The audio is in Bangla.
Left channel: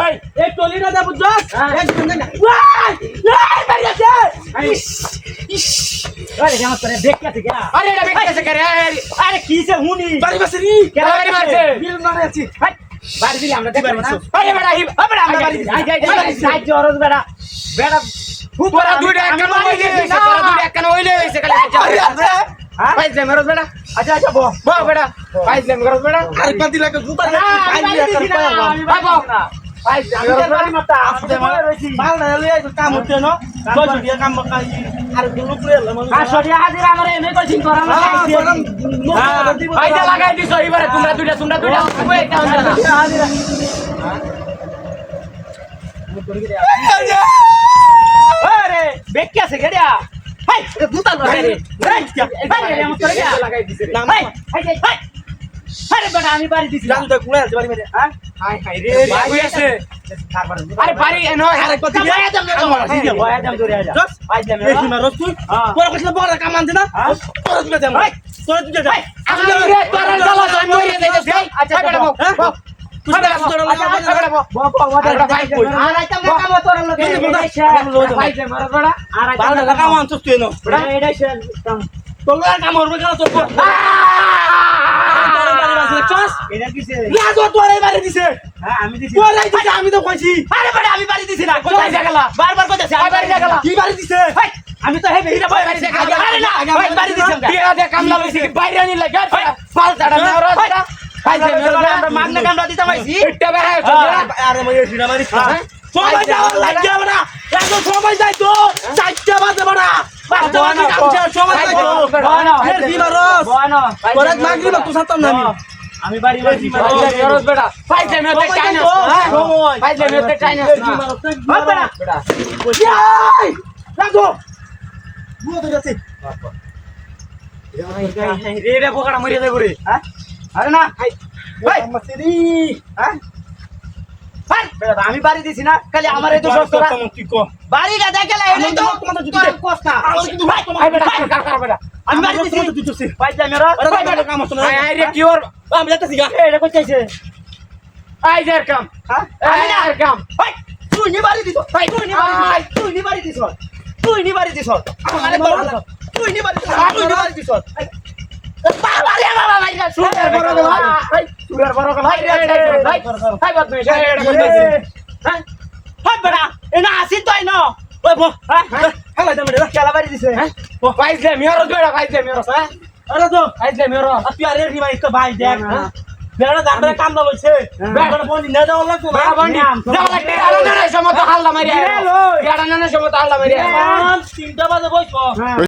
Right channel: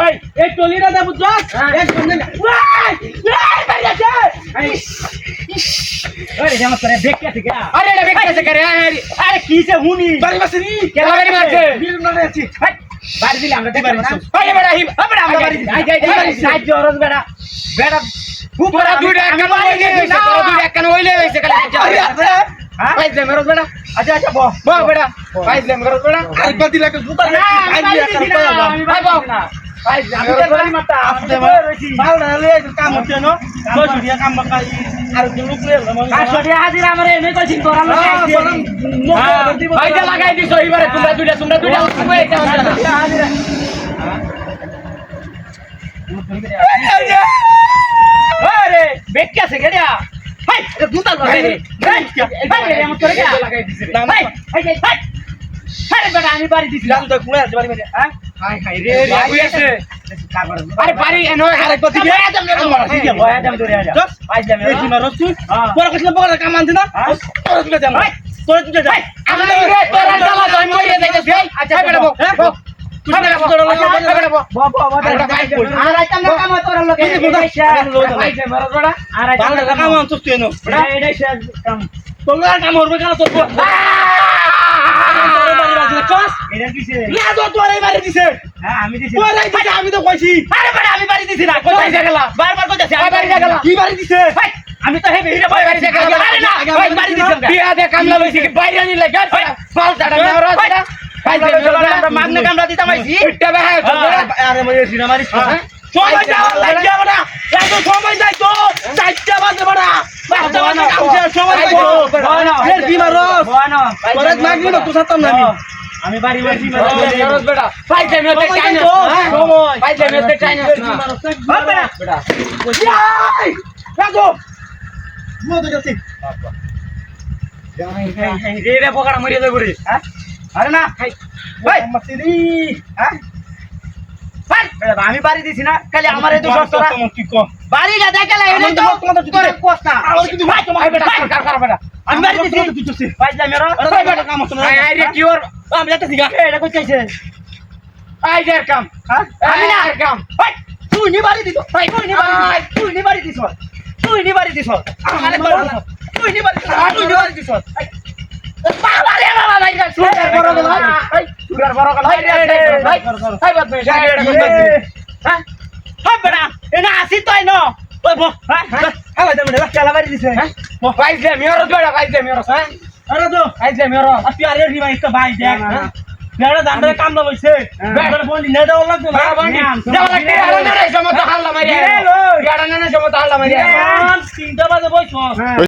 ওই এই টলিটা দে বুঝছস এক বন্ধে ওই মারি আছে আরে জামাত করে বেক্কা থেকে আরে না বেক্কা থেকে রে আরে কি সে হুনি বাড়ি বসরি কেন বাড়ি মারছে বিল না আছি বাড়ি দিলে আমরা দিবারি না আরে বেড়া হিব আরে আমরা বাড়ি আই যাই জরজ বেড়া বেড়া পুরা দুইটা একখান হইলে এসে পুরা দুইটা একখান হইলে এসে খালি আছে ভাই যে মেরজ বেড়া আচ্ছা আচ্ছা বো বেড়া ভাই যে মেরজ বেড়া আরে পাতি লাগে গুতা আই দিয়ে আমি ভাই বো ভাই আমি তো বাড়ি মাতা আপনি বলে রইছি ভালো না লই কাম হচ্ছে না কই দিয়া কাম বাকাই আর কোন লোক লইলা মানে কাশড়িয়া হাজির আমারে এনে কইছিন তোরা না ভাই যা লাগাই দিছো এবারে তোমরা দুইটা কই কাম হাজির আরে বেক্কি আছে গড়িয়া হাই এটা গুতা লড়াই রে ভাই এমন করে লাগাই দিছে না ভাই হাই আরে বেটা আমি বাড়ি দিছি জান তো কুলে আছে বাড়ি মেরে হ্যাঁ হাই হাই রে ভাই আছে আরে বাড়ি এনো আরে কত বয়া দাম নে তোমার ঠিক আছে বয়া দাম ধরে আজা আই যাবে এই কি মারছ তুই পরে কইছ বড় কাম আনছ না তোর তুই যা ভাই তোর তুই যা আমি রে তোর চালা তো মইরে যাইতেছি আচ্ছা বেটা বো তুই না তোর লাগা বেটা বো আরে ভাই কই আর আইতাম না কাম তোর লগে ভাই যে মারছ বেটা আর ভালো কাম আনছ তুই নো এটাই শেষ কাম তোর লাগা কাম করবে কেন তোর এটা কিসে ইয়া তো তোরাই বাড়ি দিছে হ্যাঁ আমি দিছি তোরাই দিছে আমি তো কইছি আরে বেটা আমি বাড়ি দিছি না কোথায় গেলা বারবার কইতাছি আমি বাড়ি গেলা কি বাড়ি দিছে আমি তো হেবে হিরা বাড়ি গেলা আরে না ভাই বাড়ি দিছাম বিয়া দে কামলা লইছি বাইরে আনি লাগা ফালতাটা মেরজ বেটা ভাই যে মেরজ আমরা মাগনা কামলা দিতাম আইছি ইটটা বেহা আরে মই সিনা মারিস সময় যাওয়ার লাগিয়া বড়া এত সময় যাই তো 4টা বাজে বড়া সময় যাই তো এর দিনা রস করে লাগলি না তুই সাতম না আমি বাড়ি বাড়ি মেরজ বেটা ভাই যে মেরজ টাইনা সময় ভাই যে মেরজ টাইনা না বেটা বেটা যাই লাগো বুয়া তো যাচ্ছে রে রে বকড়া মরিয়া যাবে রে হ্যাঁ আরে না ভাই ভাই মাসিরি হ্যাঁ ভাই বেটা আমি বাড়ি দিছি না খালি আমার এই তো সস্তা কি কো বাড়ি গাদা গেলে এনে তো তোর কোস্তা আর কিন্তু ভাই তোমার বেটা কার বেটা আমি বাড়ি দিছি তুই তুই ভাই যা মেরা ভাই বেটা কাম হচ্ছে না আই রে কি ওর আমি যাচ্ছি গা এটা কই চাইছে আই যার কাম হ্যাঁ আমি না আর কাম ভাই তুই নি বাড়ি দিছ ভাই তুই নি বাড়ি দিছ তুই নি বাড়ি দিছ আরে তুই নি বাড়ি দিছ বাবা রে বাবা ভাই সুগার বড় গেল ভাই সুগার বড় গেল ভাই ভাই ভাই বদ মে হ্যাঁ হাই বড়া এনা আসি তাই ন ওই বো হ্যাঁ হ্যাঁ ভাই দে কেলা বাড়ি দিছে হ্যাঁ ভাই যে মেরজ বেটা ভাই যে মেরজ হ্যাঁ আরে তো ভাই যে মেরজ আপনি আরে রি ভাই তো ভাই দেখ বেড়া দাঁড়ে কাম না বইছে বেড়া বন্ডি না দাও লাগতো না বন্ডি যাও লাগতে আলো না রে সমত হাল্লা মারি রে বেড়া না সমত হাল্লা মারি 3টা বাজে বইছো